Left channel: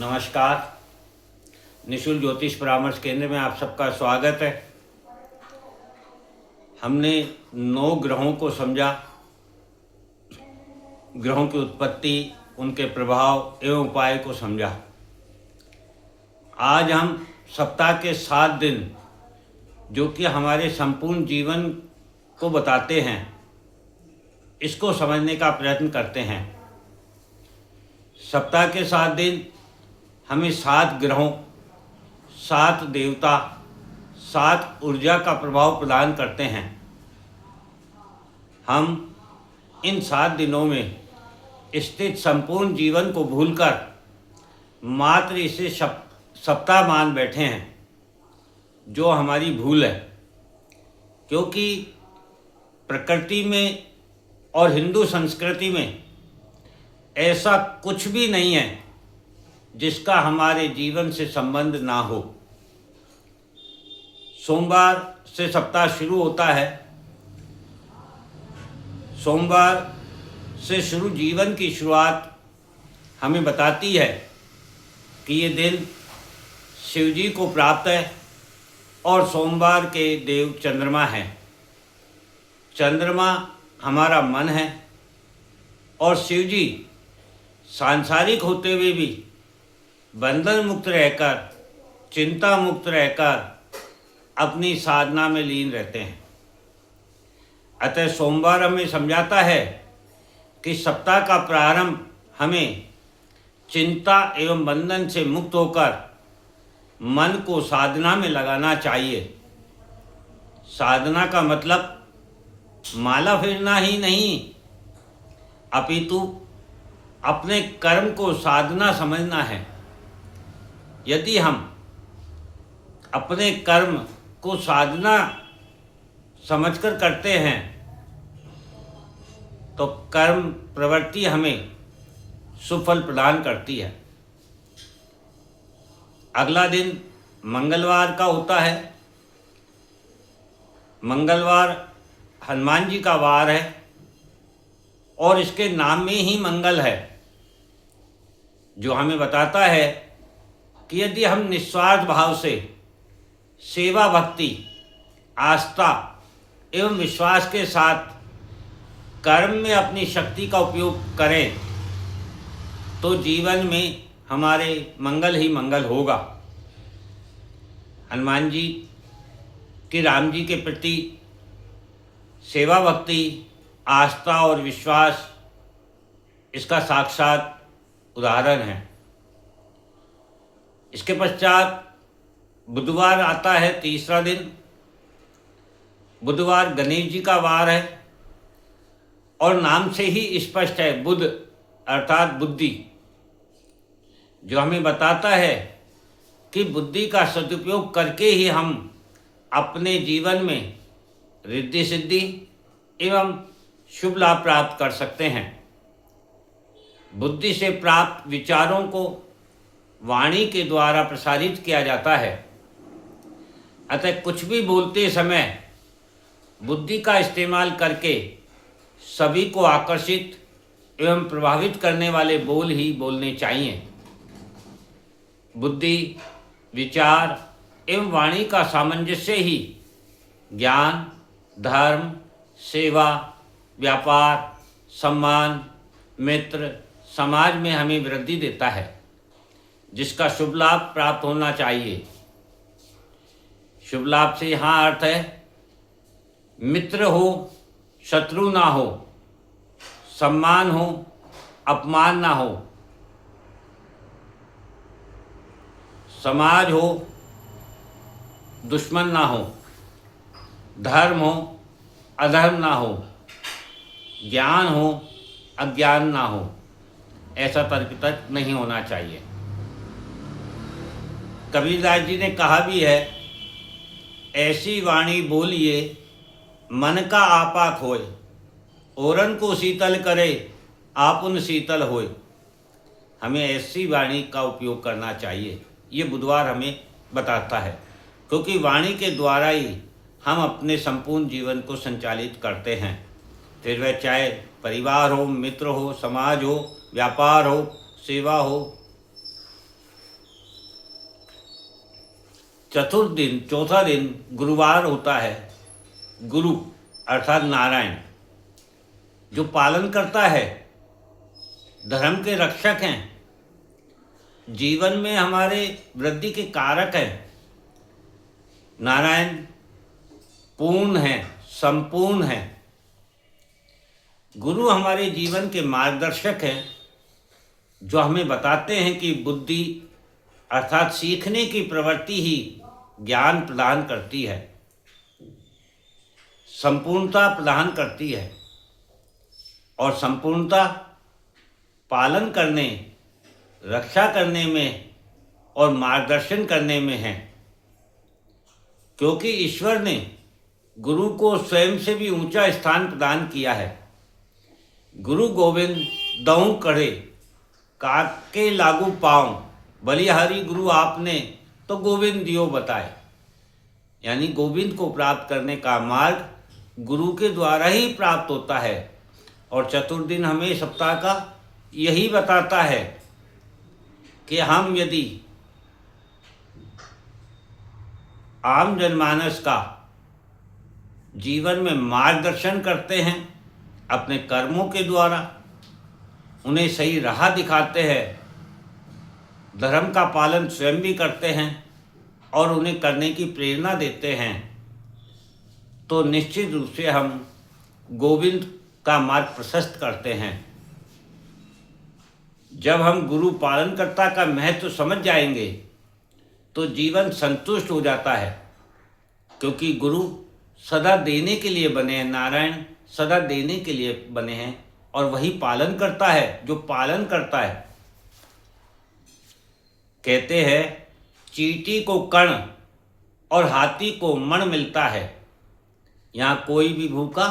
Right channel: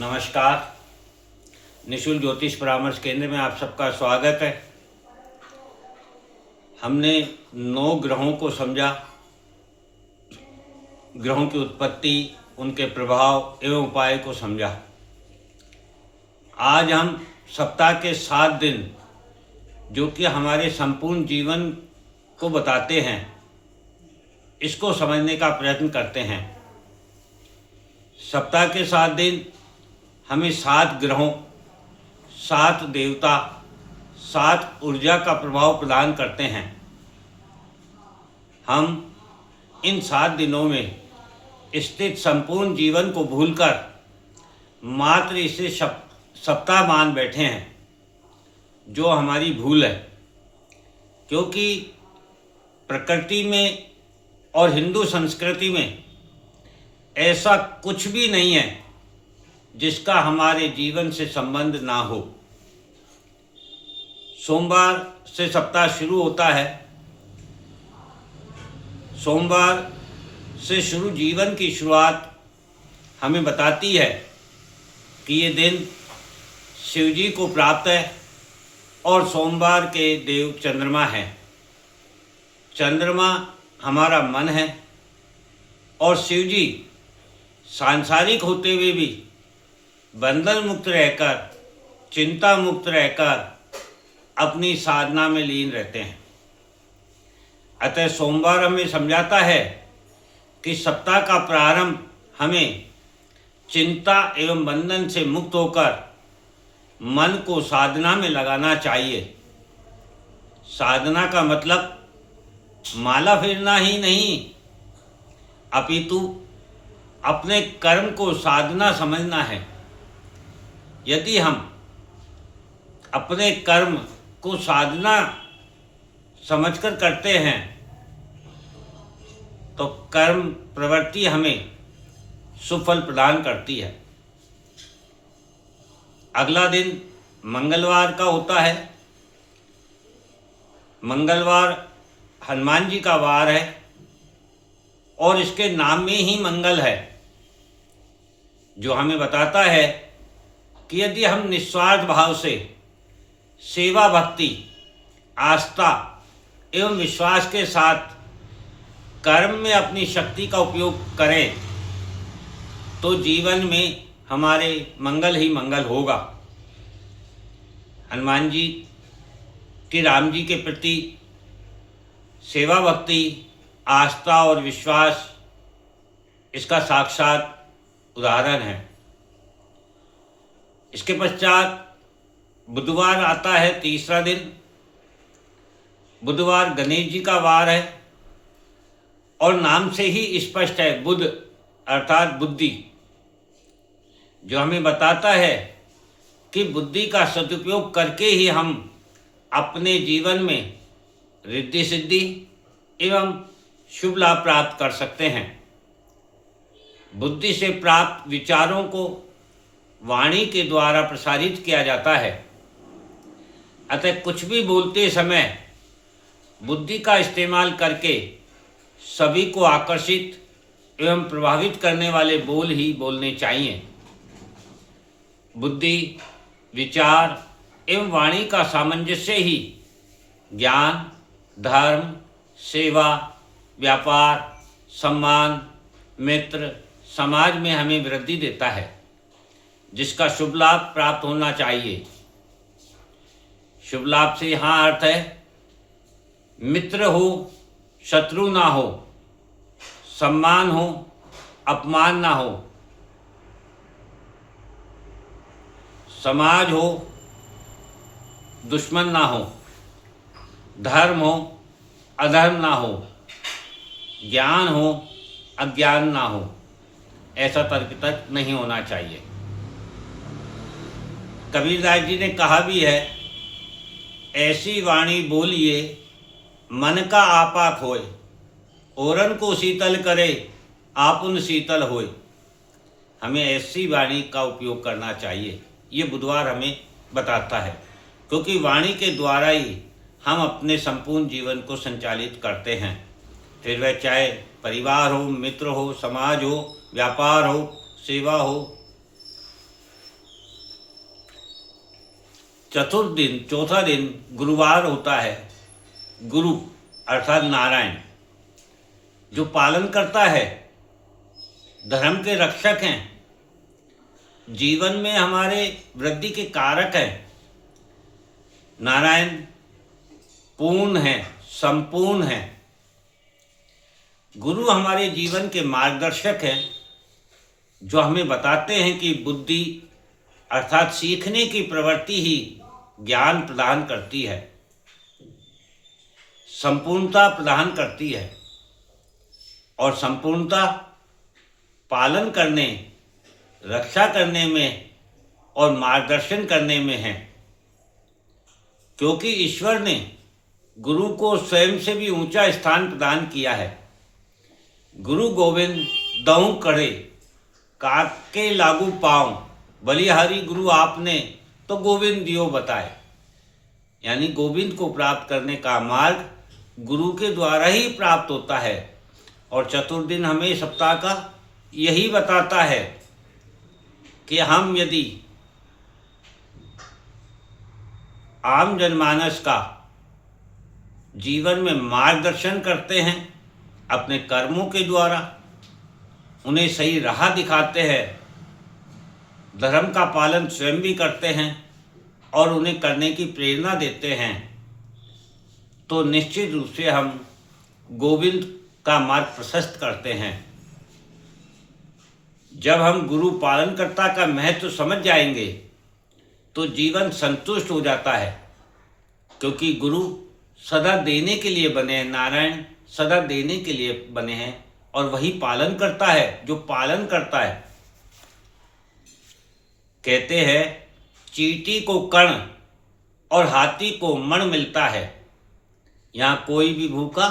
नमस्कार। निशुल्क ज्योतिष परामर्श केंद्र में आप सबका स्वागत है। हमने 9 ग्रहों को समझा, ग्रहों की उत्पत्ति, उनके प्रभाव एवं उपाय को समझा। आज हम सप्ताह के 7 दिन जो कि हमारे संपूर्ण जीवन को बताते हैं, इसको समझने का प्रयत्न करते हैं। सप्ताह के 7 दिन हमें 7 ग्रहों, 7 देवता, 7 ऊर्जा का प्रभाव प्रदान करते हैं। हम इन 7 दिनों में स्थित संपूर्ण जीवन को भूलकर मात्र इसे सप्ताह मान बैठे हैं, जो हमारी भूल है। क्योंकि प्रकृति में और हिंदू संस्कृति में ऐसा कुछ भी नहीं है जिसका हमारे जीवन से संबंध ना हो। सोमवार से सप्ताह शुरू होता है। सोमवार से शुरू जीवन की शुरुआत हमें बताती है कि ये दिन शिव जी को प्राप्त है और सोमवार के देव चंद्रमा हैं। चंद्रमा हमारा मन है और शिव जी सांसारिक होते हुए भी बंधन मुक्त रहकर, चिंता मुक्त रहकर अपनी साधना में लीन रहते हैं। अतः सोमवार हमें समझाता है कि सप्ताह का प्रारंभ हमें चिंता एवं बंधन से मुक्त होकर मन को साधना में लगाना चाहिए। साधना का मतलब माला फेरना ही नहीं, अपितु अपने कर्म को साधना समझना है। यदि हम अपने कर्म को साधना समझकर करते हैं तो कर्म प्रवृत्ति हमें सुफल प्रदान करती है। अगला दिन मंगलवार का होता है। मंगलवार हनुमान जी का वार है और इसके नाम में ही मंगल है, जो हमें बताता है कि यदि हम निस्वार्थ भाव से सेवा, भक्ति, आस्था एवं विश्वास के साथ कर्म में अपनी शक्ति का उपयोग करें तो जीवन में हमारे मंगल ही मंगल होगा। हनुमान जी की राम जी के प्रति सेवा, भक्ति, आस्था और विश्वास इसका साक्षात उदाहरण है। इसके पश्चात बुधवार आता है, तीसरा दिन। बुधवार गणेश जी का वार है और नाम से ही स्पष्ट है, बुध अर्थात बुद्धि, जो हमें बताता है कि बुद्धि का सदुपयोग करके ही हम अपने जीवन में रिद्धि सिद्धि एवं शुभ लाभ प्राप्त कर सकते हैं। बुद्धि से प्राप्त विचारों को वाणी के द्वारा प्रसारित किया जाता है। अतः कुछ भी बोलते समय बुद्धि का इस्तेमाल करके सभी को आकर्षित एवं प्रभावित करने वाले बोल ही बोलने चाहिए। बुद्धि, विचार एवं वाणी का सामंजस्य ही ज्ञान, धर्म, सेवा, व्यापार, सम्मान, मित्र, समाज में हमें वृद्धि देता है, जिसका शुभ लाभ प्राप्त होना चाहिए। शुभ लाभ से यहाँ अर्थ है मित्र हो, शत्रु ना हो, सम्मान हो, अपमान ना हो, समाज हो, दुश्मन ना हो, धर्म हो, अधर्म ना हो, ज्ञान हो, अज्ञान ना हो। ऐसा तर्क नहीं होना चाहिए। कबीरदास जी ने कहा भी है, ऐसी वाणी बोलिए मन का आपा खोए, औरन को शीतल करे आपुन शीतल होए। हमें ऐसी वाणी का उपयोग करना चाहिए, ये बुधवार हमें बताता है। क्योंकि वाणी के द्वारा ही हम अपने संपूर्ण जीवन को संचालित करते हैं। फिर वह चाहे परिवार हो, मित्र हो, समाज हो, व्यापार हो, सेवा हो, चतुर्थ दिन, चौथा दिन गुरुवार होता है। गुरु अर्थात नारायण जो पालन करता है, धर्म के रक्षक हैं, जीवन में हमारे वृद्धि के कारक हैं। नारायण पूर्ण है, संपूर्ण है। गुरु हमारे जीवन के मार्गदर्शक हैं, जो हमें बताते हैं कि बुद्धि अर्थात सीखने की प्रवृत्ति ही ज्ञान प्रदान करती है, संपूर्णता प्रदान करती है। और संपूर्णता पालन करने, रक्षा करने में और मार्गदर्शन करने में है, क्योंकि ईश्वर ने गुरु को स्वयं से भी ऊंचा स्थान प्रदान किया है। गुरु गोविंद दऊं करे काके लागू पाऊं, बलिहारी गुरु आपने तो गोविंद दियो बताए। यानी गोविंद को प्राप्त करने का मार्ग गुरु के द्वारा ही प्राप्त होता है। और चतुर्दिन हमें सप्ताह का यही बताता है कि हम यदि आम जनमानस का जीवन में मार्गदर्शन करते हैं अपने कर्मों के द्वारा, उन्हें सही राह दिखाते हैं, धर्म का पालन स्वयं भी करते हैं और उन्हें करने की प्रेरणा देते हैं, तो निश्चित रूप से हम गोविंद का मार्ग प्रशस्त करते हैं। जब हम गुरु पालनकर्ता का महत्व समझ जाएंगे तो जीवन संतुष्ट हो जाता है, क्योंकि गुरु सदा देने के लिए बने हैं। नारायण सदा देने के लिए बने हैं और वही पालन करता है जो पालन करता है। कहते हैं चींटी को कण और हाथी को मण मिलता है, यहाँ कोई भी भूखा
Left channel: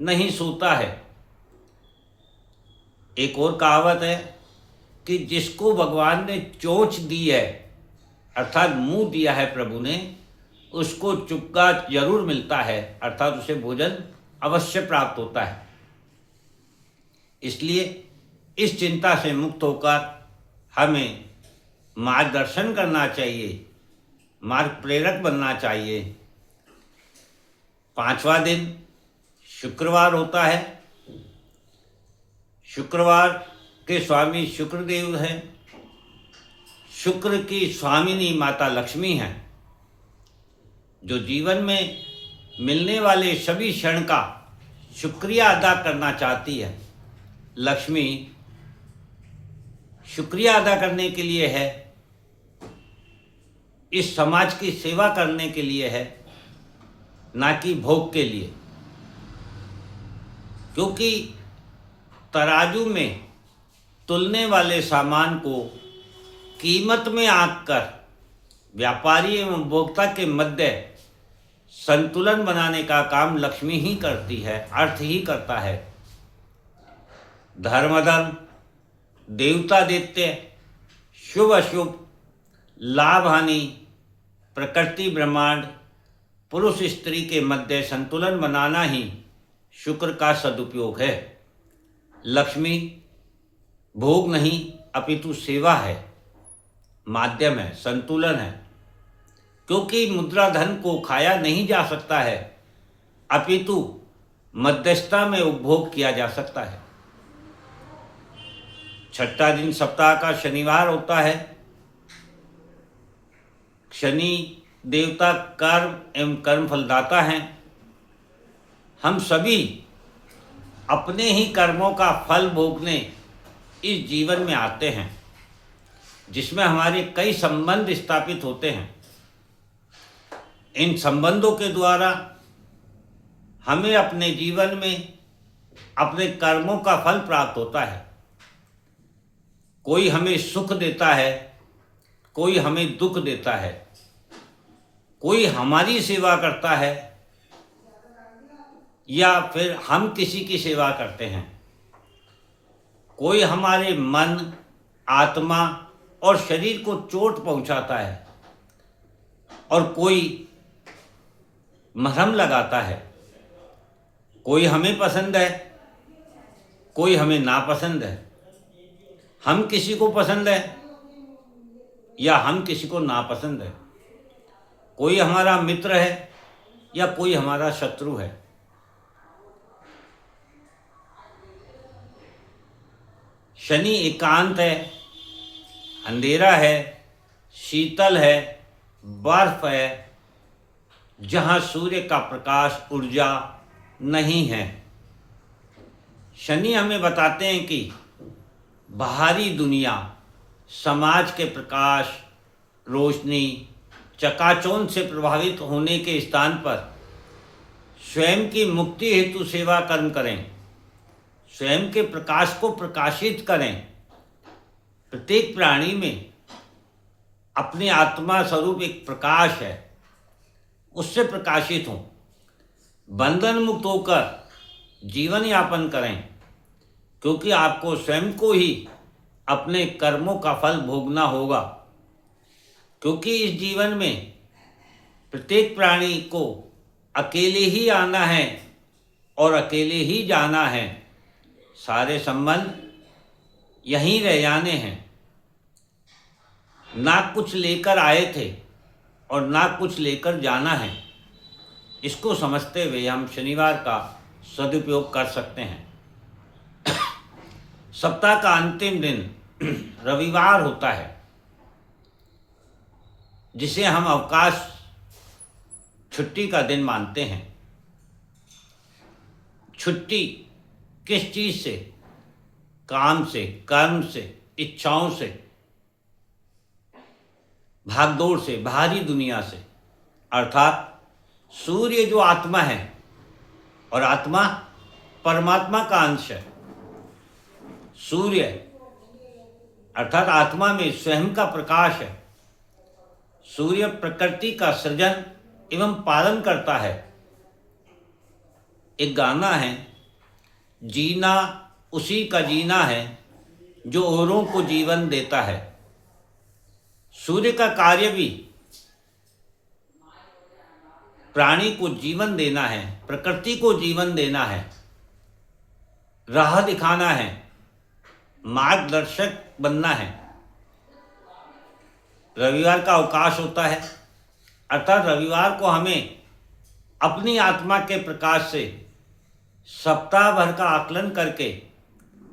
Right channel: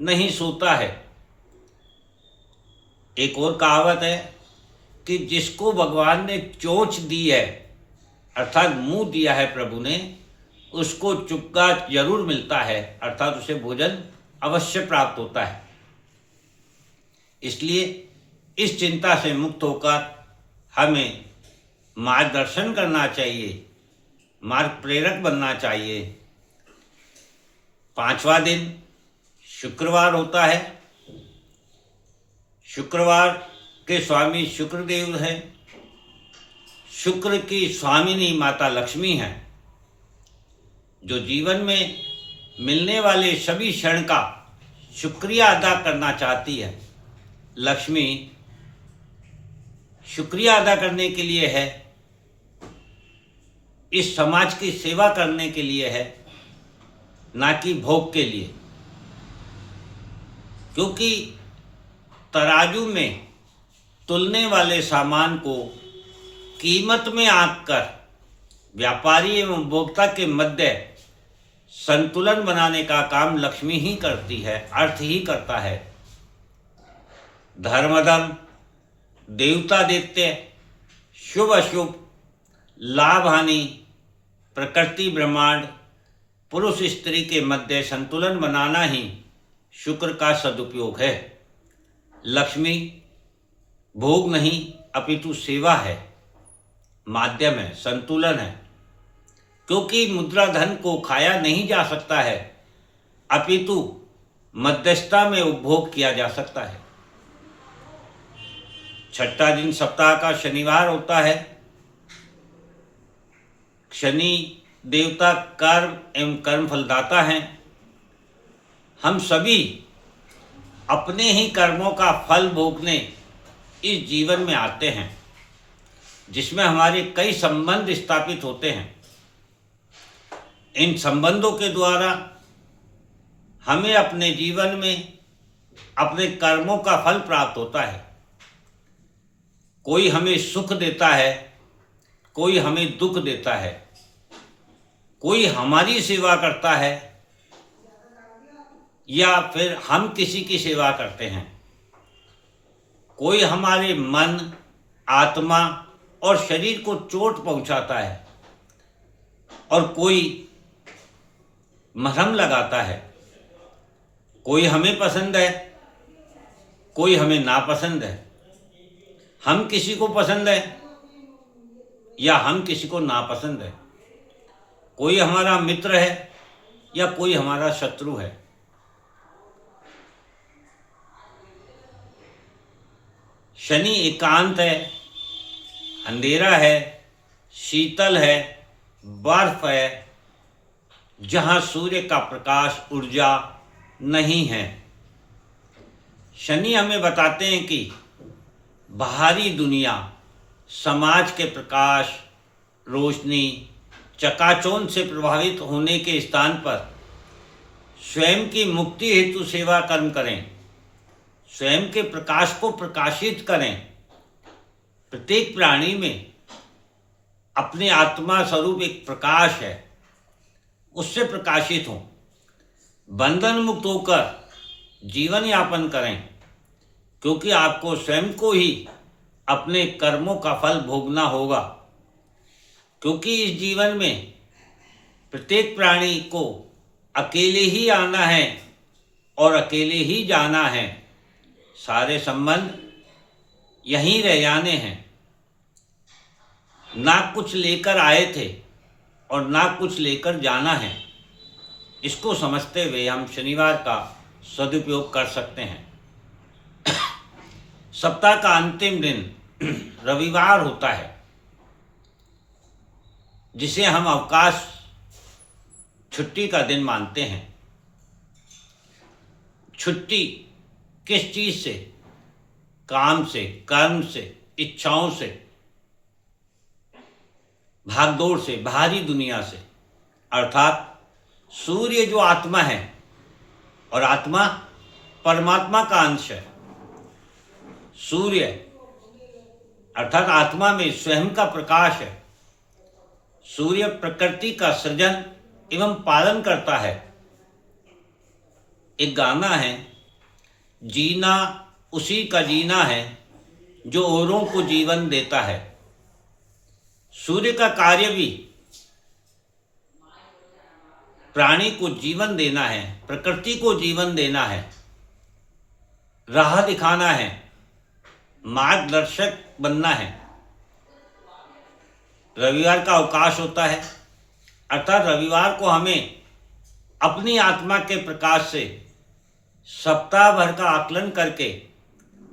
नहीं सोता है। एक और कहावत है कि जिसको भगवान ने चोंच दी है अर्थात मुंह दिया है प्रभु ने, उसको चुपका जरूर मिलता है, अर्थात उसे भोजन अवश्य प्राप्त होता है। इसलिए इस चिंता से मुक्त होकर हमें मार्गदर्शन करना चाहिए, मार्ग प्रेरक बनना चाहिए। 5वां दिन शुक्रवार होता है। शुक्रवार के स्वामी शुक्रदेव हैं। शुक्र की स्वामिनी माता लक्ष्मी हैं, जो जीवन में मिलने वाले सभी क्षण का शुक्रिया अदा करना चाहती है। लक्ष्मी शुक्रिया अदा करने के लिए है, इस समाज की सेवा करने के लिए है, ना कि भोग के लिए। क्योंकि तराजू में तुलने वाले सामान को कीमत में आंककर व्यापारी एवं उपभोक्ता के मध्य संतुलन बनाने का काम लक्ष्मी ही करती है, अर्थ ही करता है। धर्मधर्म, देवता दैत्य, शुभ अशुभ, लाभ हानि, प्रकृति ब्रह्मांड, पुरुष स्त्री के मध्य संतुलन बनाना ही शुक्र का सदुपयोग है। लक्ष्मी भोग नहीं अपितु सेवा है, माध्यम है, संतुलन है। क्योंकि मुद्रा धन को खाया नहीं जा सकता है, अपितु मध्यस्थता में उपभोग किया जा सकता है। 6ठा दिन सप्ताह का शनिवार होता है। शनि देवता कर्म एवं कर्म फलदाता हैं। हम सभी अपने ही कर्मों का फल भोगने इस जीवन में आते हैं, जिसमें हमारे कई संबंध स्थापित होते हैं। इन संबंधों के द्वारा हमें अपने जीवन में अपने कर्मों का फल प्राप्त होता है। कोई हमें सुख देता है, कोई हमें दुख देता है, कोई हमारी सेवा करता है या फिर हम किसी की सेवा करते हैं। कोई हमारे मन, आत्मा और शरीर को चोट पहुंचाता है और कोई मरहम लगाता है। कोई हमें पसंद है, कोई हमें नापसंद है। हम किसी को पसंद है या हम किसी को नापसंद है। कोई हमारा मित्र है या कोई हमारा शत्रु है। शनि एकांत है, अंधेरा है, शीतल है, बर्फ है, जहाँ सूर्य का प्रकाश ऊर्जा नहीं है। शनि हमें बताते हैं कि बाहरी दुनिया, समाज के प्रकाश, रोशनी, चकाचौंध से प्रभावित होने के स्थान पर स्वयं की मुक्ति हेतु सेवा कर्म करें, स्वयं के प्रकाश को प्रकाशित करें। प्रत्येक प्राणी में अपने आत्मा स्वरूप एक प्रकाश है, उससे प्रकाशित हों, बंधन मुक्त होकर जीवन यापन करें, क्योंकि आपको स्वयं को ही अपने कर्मों का फल भोगना होगा। क्योंकि इस जीवन में प्रत्येक प्राणी को अकेले ही आना है और अकेले ही जाना है। सारे संबंध यहीं रह जाने हैं। ना कुछ लेकर आए थे और ना कुछ लेकर जाना है। इसको समझते हुए हम शनिवार का सदुपयोग कर सकते हैं। सप्ताह का अंतिम दिन रविवार होता है, जिसे हम अवकाश, छुट्टी का दिन मानते हैं। छुट्टी किस चीज से? काम से, कर्म से, इच्छाओं से, भागदौड़ से, बाहरी दुनिया से। अर्थात सूर्य जो आत्मा है और आत्मा परमात्मा का अंश है। सूर्य अर्थात आत्मा में स्वयं का प्रकाश है। सूर्य प्रकृति का सृजन एवं पालन करता है। एक गाना है, जीना उसी का जीना है जो औरों को जीवन देता है। सूर्य का कार्य भी प्राणी को जीवन देना है, प्रकृति को जीवन देना है, राह दिखाना है, मार्गदर्शक बनना है। रविवार का अवकाश होता है, अर्थात रविवार को हमें अपनी आत्मा के प्रकाश से सप्ताह भर का आकलन करके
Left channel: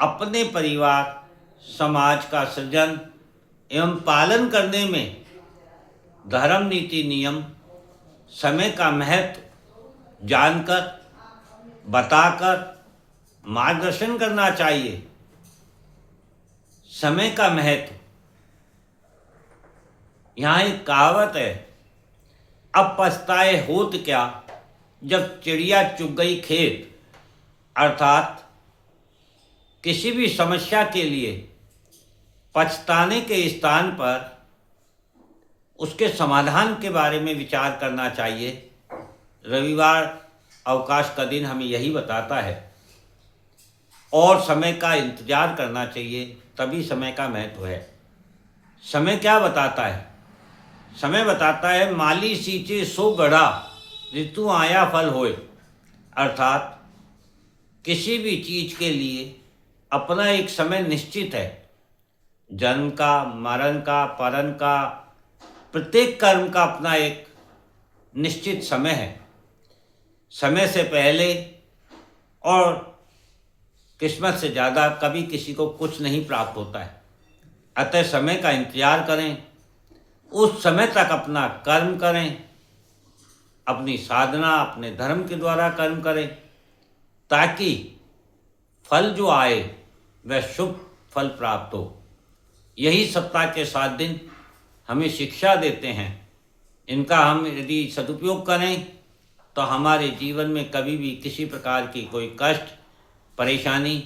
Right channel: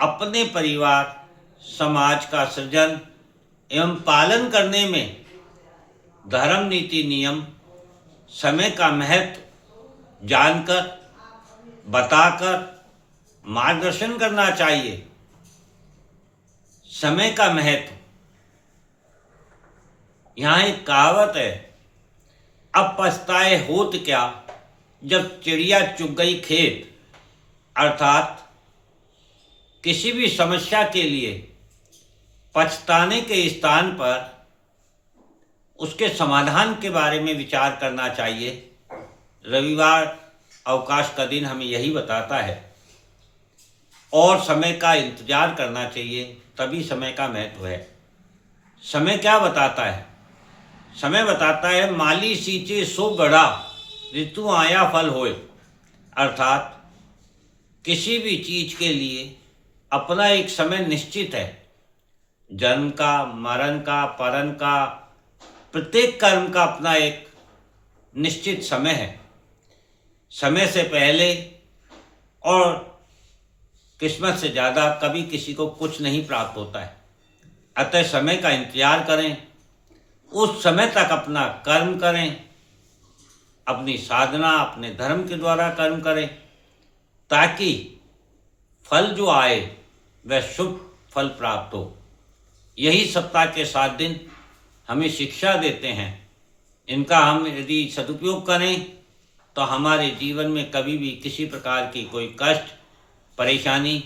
अपने परिवार, समाज का सृजन एवं पालन करने में धर्म, नीति, नियम, समय का महत्व जानकर, बताकर मार्गदर्शन करना चाहिए। समय का महत्व, यहाँ एक कहावत है, अब पछताए होत क्या जब चिड़िया चुग गई खेत। अर्थात किसी भी समस्या के लिए पछताने के स्थान पर उसके समाधान के बारे में विचार करना चाहिए। रविवार अवकाश का दिन हमें यही बताता है। और समय का इंतजार करना चाहिए, तभी समय का महत्व है। समय क्या बताता है? समय बताता है, माली सींचे सो गड़ा, ऋतु आया फल होए। अर्थात किसी भी चीज के लिए अपना एक समय निश्चित है। जन्म का, मरण का, परन का, प्रत्येक कर्म का अपना एक निश्चित समय है। समय से पहले और किस्मत से ज़्यादा कभी किसी को कुछ नहीं प्राप्त होता है। अतः समय का इंतजार करें, उस समय तक अपना कर्म करें, अपनी साधना अपने धर्म के द्वारा कर्म करें, ताकि फल जो आए वह शुभ फल प्राप्त हो। यही सप्ताह के 7 दिन हमें शिक्षा देते हैं। इनका हम यदि सदुपयोग करें तो हमारे जीवन में कभी भी किसी प्रकार की कोई कष्ट, परेशानी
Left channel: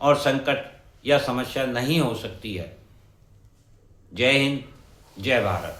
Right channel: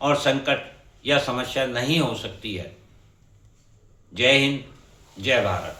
और संकट या समस्या नहीं हो सकती है। जय हिंद, जय भारत।